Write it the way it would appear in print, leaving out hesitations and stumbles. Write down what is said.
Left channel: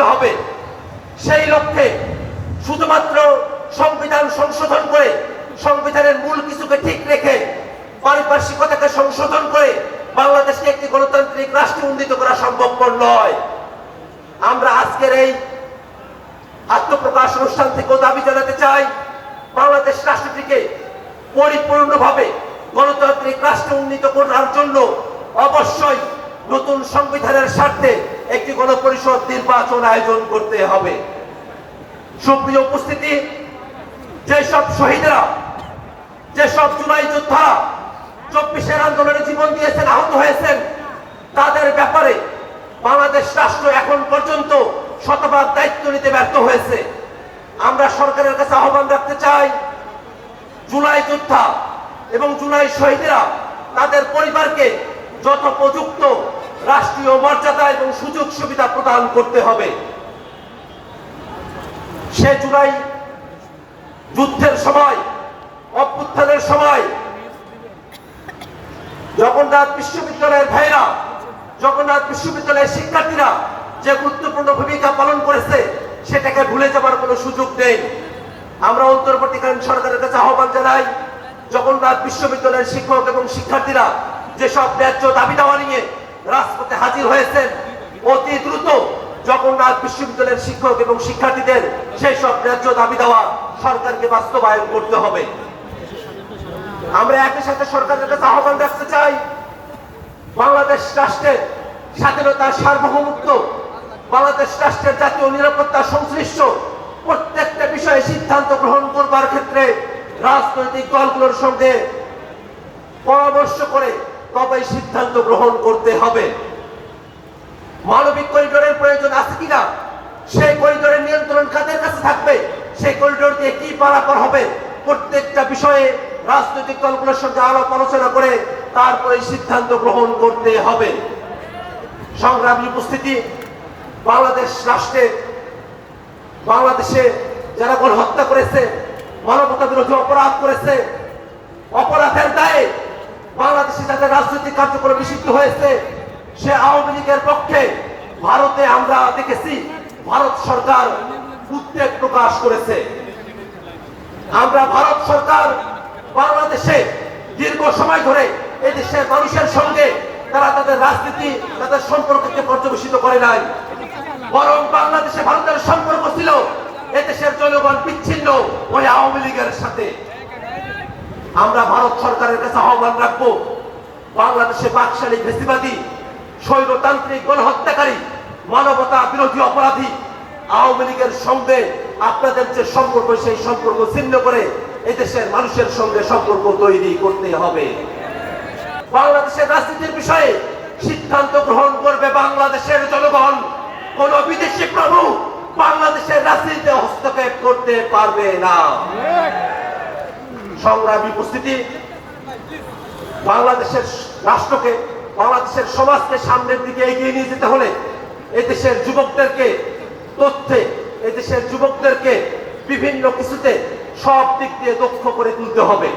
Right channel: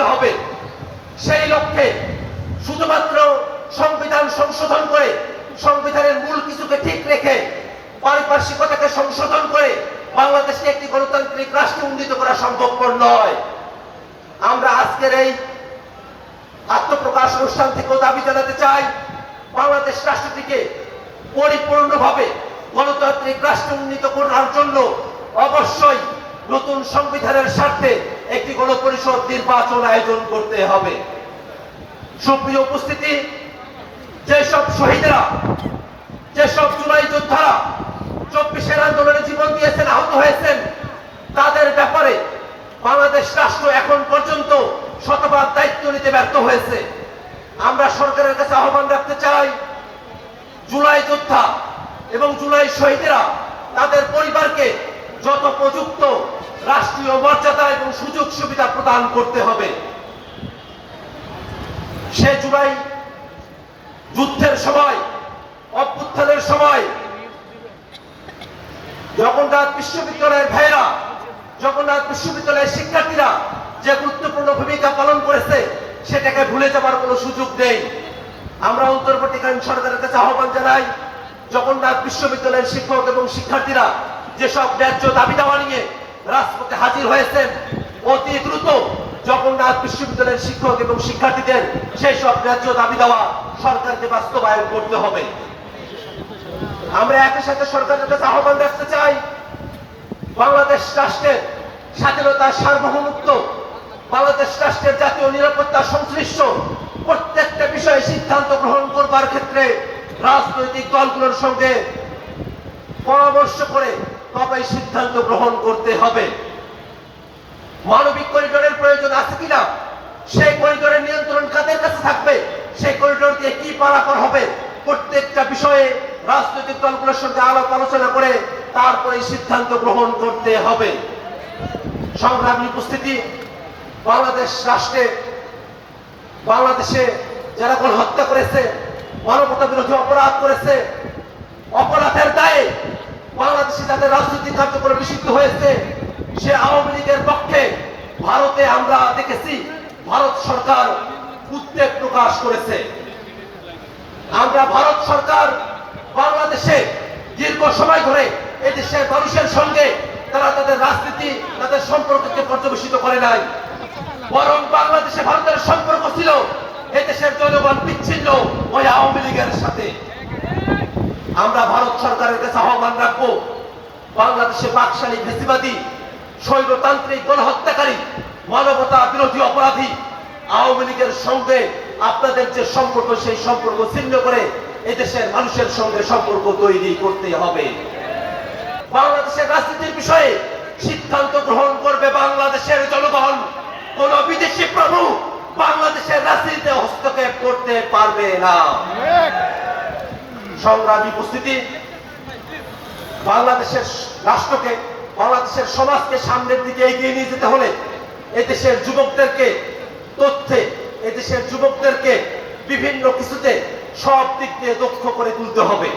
করতে হবে। সেই লক্ষ্যে শুধুমাত্র সংবিধান সংশোধন করে, সংবিধানের মূল কিছুকে ঠিক রেখে, পারিপার্শ্বিকতাকে সংশোধন করে বাংলাদেশকে একটি গণতান্ত্রিক রাষ্ট্রে উন্নীত করা সম্ভবপর নয়। আমরা আজকের এই আত্মপ্রকাশ অনুষ্ঠান থেকেও দাবি জানাতে চাই, বাংলাদেশ রাষ্ট্রটিকে পরিপূর্ণভাবে গণতান্ত্রিক রাষ্ট্রে উন্নীত করার জন্য অবশ্যই নতুন সংবিধানের স্বার্থে একটি গণপরিষদ নির্বাচন আয়োজন করতে হবে। সুপ্রিয় উপস্থিতি, যেসব শহীদেরা, যেসব জুলাই যোদ্ধারা 24-এর আন্দোলনে জীবন দিয়েছেন, আহত হয়েছেন, তাদের ব্যাপারে বাংলাদেশ রাষ্ট্র এখন পর্যন্ত শতভাগ দায়িত্ব নিতে ব্যর্থ হয়েছে। আমরা সরকারের কাছে আহ্বান রাখতে চাই, জুলাই যোদ্ধা এবং জুলাই শহীদেরা তাদের পরিবারকে যথোপযুক্ত রাষ্ট্রীয় মর্যাদা এবং সুযোগ সুবিধা প্রদান করতে হবে। সে জুলাই যুদ্ধের সময়, অভ্যুত্থানের সময় জগন্নাথ বিশ্ববিদ্যালয়ের ভাইয়েরা, জগন্নাথ বিশ্ববিদ্যালয়ের শিক্ষার্থীরা যে গুরুত্বপূর্ণ ভূমিকা পালন করেছে, সেটাকে ভুলে যাবার কোনো সুযোগ নেই। আমরা অন্তর্বর্তীকালীন সরকারের কাছে আহ্বান জানাই, জগন্নাথ বিশ্ববিদ্যালয়ের শিক্ষক এবং শিক্ষার্থীরা যেসব ন্যায্য দাবি দাওয়া নিয়ে রাজপথে হাজির হয়েছেন, অতি দ্রুত জগন্নাথ বিশ্ববিদ্যালয়ের শিক্ষক এবং শিক্ষার্থীদের সেই সব ন্যায্য দাবি দেওয়া সরকারকে বাস্তবায়ন করতে হবে। আমরা একই সাথে সরকারের কাছে আহ্বান রাখতে চাই, বাংলাদেশ রাষ্ট্রের স্বাধীনতা, সার্বভৌমত্ব, বাংলাদেশ রাষ্ট্রের জাতীয় নিরাপত্তা সংশ্লিষ্ট প্রত্যেকটা বিষয়ে সিদ্ধান্ত গ্রহণ করবার ক্ষেত্রে রাজনৈতিক দলগুলোর সঙ্গে পরামর্শ করে তবেই সিদ্ধান্ত গ্রহণ করতে হবে। মানবিক করিডোরের প্রয়োজন আছে কিনা, সেই করিডোরের নিয়ন্ত্রণ কাদের কাছে থাকবে, সেই করিডোর দিয়ে কি পারাপার হবে, প্রত্যেকটা বিষয়ে রাজনৈতিক দলগুলোর সঙ্গে আলাপ আলোচনা করে তারপরে সিদ্ধান্ত গ্রহণ করতে হবে। সংগ্রামী উপস্থিতি, বাংলাদেশ রাষ্ট্রে, বাংলাদেশে যারা গণহত্যা করেছে, মানবতা বিরোধী অপরাধ করেছে, অপরাধের দায়ে বাংলাদেশে যাদের রাজনৈতিক কার্যক্রম নিষিদ্ধ হয়েছে, সে আওয়ামী লীগের পক্ষে ভারতে আমরা দেখেছি ভারত সরকার উদ্বেগ প্রকাশ করেছে। আমরা ভারত সরকার বাংলাদেশে দীর্ঘ সময় ধরে এদেশের মানুষের সঙ্গে তারা তাদের রাজনীতি, তাদের সম্পর্ককে পর্যবেসিত করে নাই, বরং বাংলাদেশে ভারতের সম্পর্ক ছিল এদেশের জনগণ বিচ্ছিন্ন ওই আওয়ামী লীগের সাথে। আমরা ভারত সরকারের কাছে আহ্বান রাখবো, বাংলাদেশে বাকশালী ফেসিবাদী, স্বৈরতান্ত্রিক গণহত্যাকারী, মানবতা বিরোধী অপরাধী আওয়ামী লীগের সঙ্গে আপনাদের যে সম্পর্ক, সেই সম্পর্ক ছিন্ন করে এদেশের মানুষের সঙ্গে সম্পর্ক তৈরি করতে হবে। বাংলাদেশের রাজনীতির বিষয়ে সিদ্ধান্ত গ্রহণ করবে বাংলাদেশের জনগণ। কোন বিদেশি প্রভু বাংলাদেশের রাজনীতিতে হস্তক্ষেপ করতে পারবে না। সংগ্রামী উপস্থিতি, বাংলাদেশের রাষ্ট্রকে, বাংলাদেশের সমাজকে সামনের দিকে এগিয়ে নিয়ে যেতে হলে এদেশের যুবকদেরকে তথ্যে, এদেশের যুবকদেরকে বিভিন্ন কিছুতে সব দিক দিয়ে দক্ষ করে তুলতে হবে।